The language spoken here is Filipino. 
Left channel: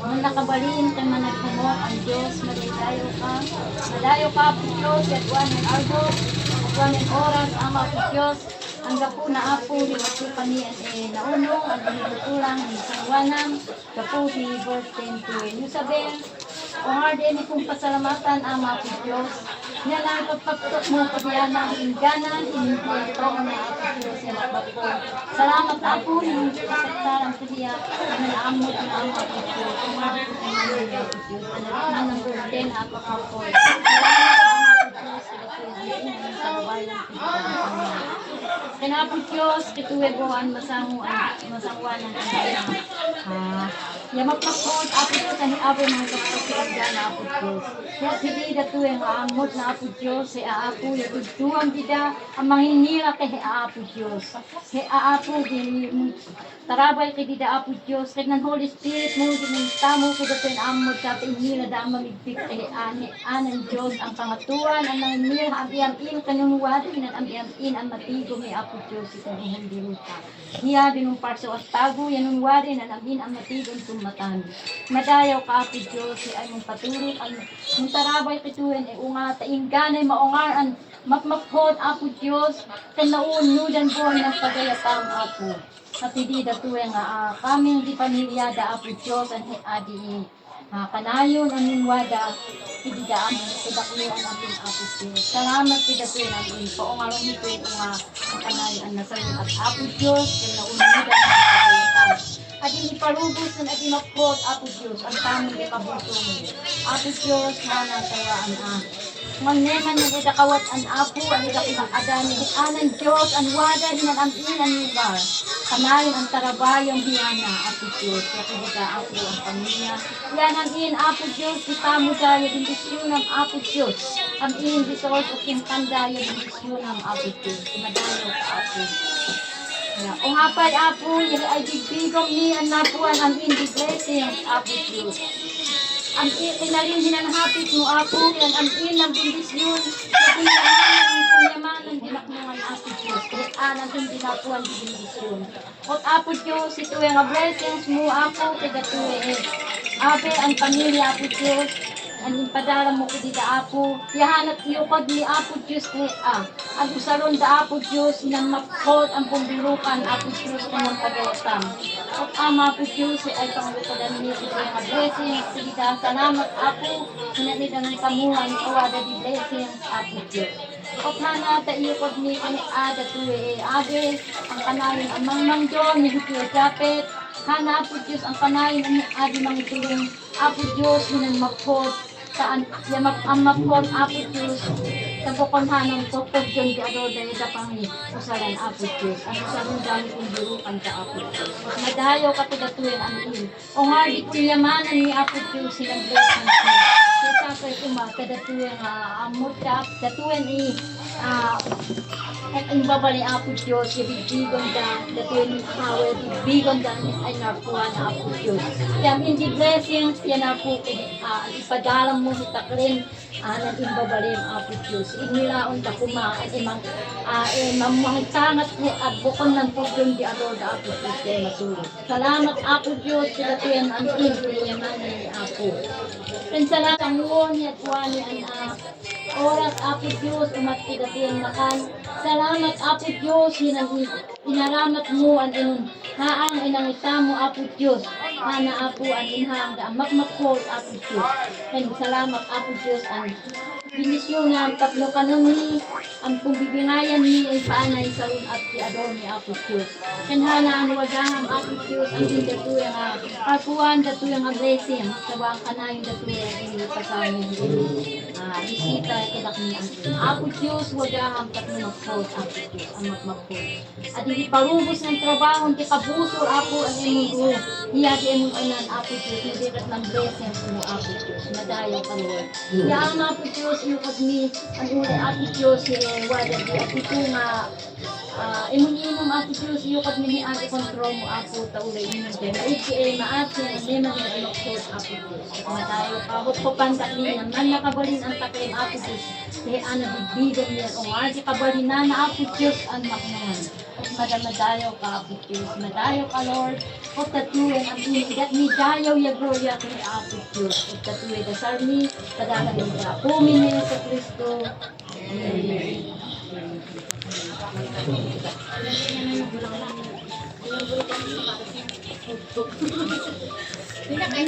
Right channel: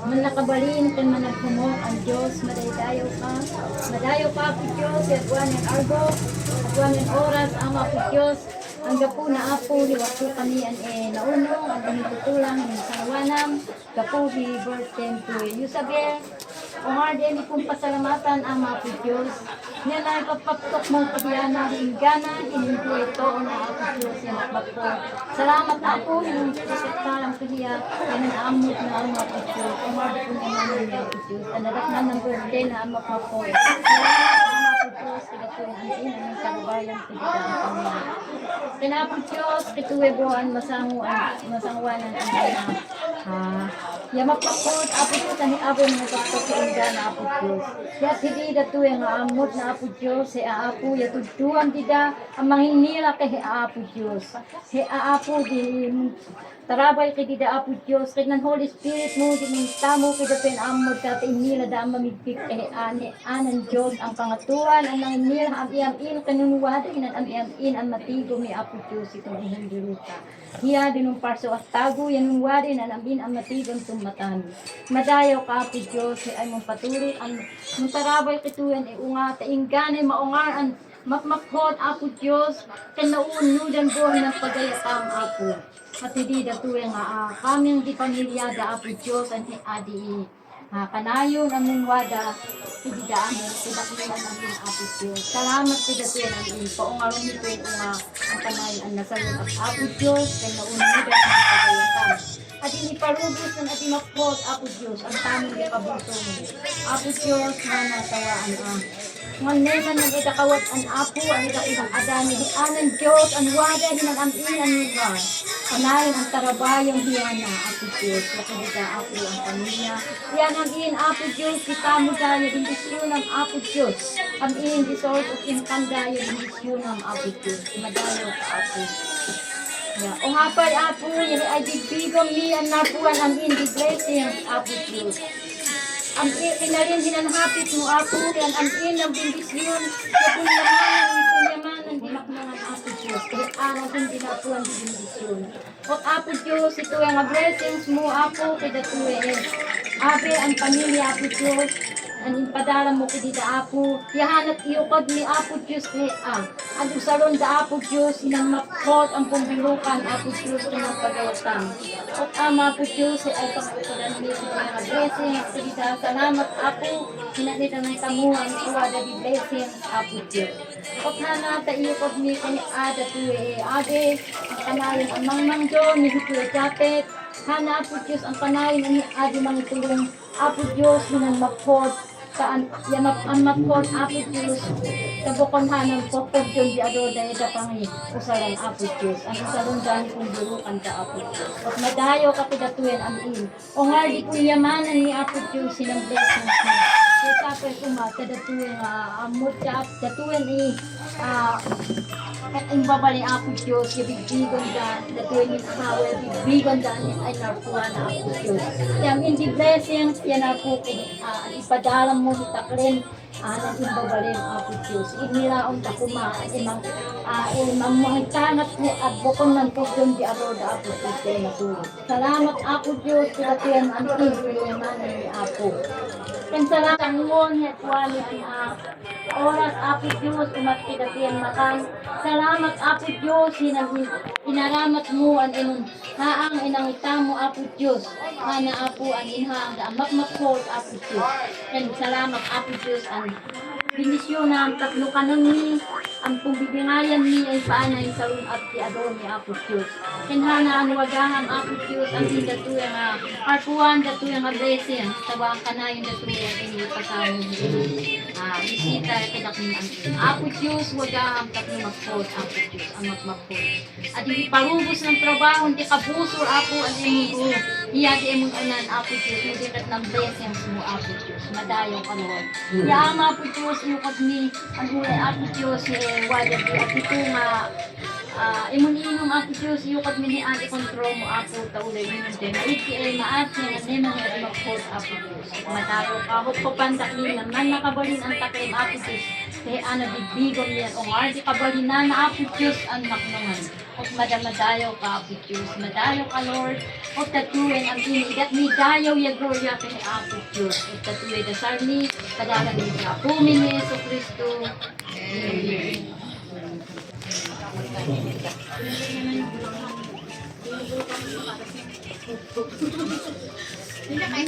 Man nakabalin kay managhamot ang Diyos, madayo ka. Madayo ka, Apo Diyos, yagwan ng arbo, yagwan ng oras, ang Apo Diyos. Ang gapo na Apo, liwati kami ang nauno, ang hinitutulang, ang sangwanang, gapo, birthday to Isabel. Kung din kong pasalamatan ang Apo Diyos, niya na ipagpagtok mo kabiyana, hingganan, hindi ito na Apo Diyos, sinakbako. Salamat Apo, yung kasaktarang kaniya, na naamot na ang Apo Diyos. Kung ko na namin ang Apo Diyos, anarik na ng birthday na ang makapoy. Salamat ang Apo Diyos, pinatuhin ang karabayan pinagdaan kami. Kinapong Diyos, kituwebohan, masangwanan ang yamakapot, Apo Diyos, ang iabay mga kapatid na Apo Diyos. Kaya hindi dito yung aamot na Apo Diyos, si Aapo, yatugtuang dida, ang manginira kay Aapo Diyos. Si Aapo, tarabay kay dida Apo Diyos, kay ng Holy Spirit mo, dinintamo kay dito yung amot, kaya inira da ang mamigpik kay anan Diyos, ang pangatuan, ang nanginira, ang iyam-in, kanunuwatin, ang iyam-in, ang matigo ni Apo Diyos, itong hindi ruta. Hiya binong parso at tago, yanong wari na namin ang matigon tumatan. Madayaw ka, Apo Diyos, ay mong patulog, ang mong tarabay kituin, unga, taingganay, maungaran, mapmaphod, Apo Diyos, kanaunudan buhay ng pagayapang, Apo. At hindi datuin nga, kaming di pamilyada, Apo Diyos, ang adi, kanayon ang mungwada, hindi daan mo, kidaklian ang Apo Diyos. Salamat kidatuin ang paungarong nito yung ang kanayon ang nasayon at Apo Diyos, kanaunudan ng pagayapang. At iniparubos ng ating mapot, Apo Diyos, ang tamang ikabuto mo. Apo Diyos, hanang tawaan Ngneman ng itakawat ang Apo, ang itakibang adani, anan Diyos, ang wada, hinanamin ang lugar. Kanayon ang tarabayang biyana, Apo Diyos, nakilita Apo ang pamilya. Yanamin, Apo Diyos, kita mo dahil yung bisyon ng Apo Diyos. Ang iyong resort o kintanda yung bisyon ng Apo Diyos. Madayo ka, Apo. O hapay Apo, yung ay bigbigang ni ang napuan ang hindi blessing, Apo Diyos. Ang inarin hinanhapit mo Apo, yan ang inang bindisyon, yung kunyamanan, dinakmangan Apo Diyos, kahit anang hindi napuan ang bindisyon. O Apo Diyos, ito yung blessings mo Apo, kada tuwe Ape, ang pamilya Apo Diyos, ang impadala mo kudita Apo, yahanat iukad ni Apo Diyos ang usalon da Apo Diyos, inang mapot ang pumbirukan Apo Diyos ng pagayatan. O Ama Apo Diyos, ay pangalukudan niyo sa mga blessings, kudita salamat Apo, hinanita ng tamuhan, tuwada di blessings Apo Diyos. O hana ta iukad ni kani ada tuwe ade, ang kanayon ang mang John, ni Hukuya Japet, hana Apo Diyos, ang kanayon ang adi mga tulong Apo Diyos, hinang mapot, saan ang mapon Apo Diyos sa bukon hanong tukod yun di ado dahil sa pangi usalan Apo Diyos ang usalan dahil kung burukan sa Apo Diyos at nadahayaw ka pagatuin ang iyon o nga di kuyamanan ni Apo Diyos silang blessings mo kaya tapos kadatuin amot datuin ang babali Apo Diyos bibigyan da datuin ni power bibigyan da ay nakuha na Apo Diyos yan hindi blessings yan Apo ipadala mo hitakrin nang imbabalin Apo Diyos inilaon ta kumakan imang mamuhitangat ni bukon ng tudyon di aroda Apo Diyos kaya natulog salamat Apo Diyos sila tuyan ang iman ni Apo kan salamat ang ngon at wali ang oras Apo Diyos umatidatian makan salamat Apo Diyos inaramat mo ang inon naang inangita mo Apo Diyos hana Apo ang inhang da makmakpot Apo Diyos kan salamat Apo Diyos ang binisyon na ang tatlo kanuni ang pumbibigayan ni ay paanay sa at ti adon ni Apo Diyos kanhana ang wagaham Apo Diyos ang datuya nga arpuan datuya nga blessing tabang kanayon datuya ini pasamo bisita kadak ni ang Apo Diyos wagaham tatlo magpot Apo Diyos ang magmagpot at hindi parubos ng trabaho hindi kabusor Apo ang imong hiya di imong unan Apo Diyos mo dikat ng blessings mo Apo Diyos madayaw ka Lord Yama Apo Diyos yung ni ang ulay Apo Diyos wala di at ito nga Imuninom Apo Diyos, iyukad ni ati kontrol mo Apo, taulay mo ng din. Iti ay maati na neman ni ati magkot Apo Diyos. Matayo ka, hukupandak niya, man nakabalin ang taklim Apo Diyos. Kaya ano, bibigom niya, o arti kabalin na Apo Diyos ang maknungan. At madamadayo ka Apo Diyos, madayo ka Lord. At tatuin ang inigat ni dayaw ya gloria kay Apo Diyos. At tatuin da sarni, padagan ni Apo ni Yeso Kristo. Amen. Hindi na kayo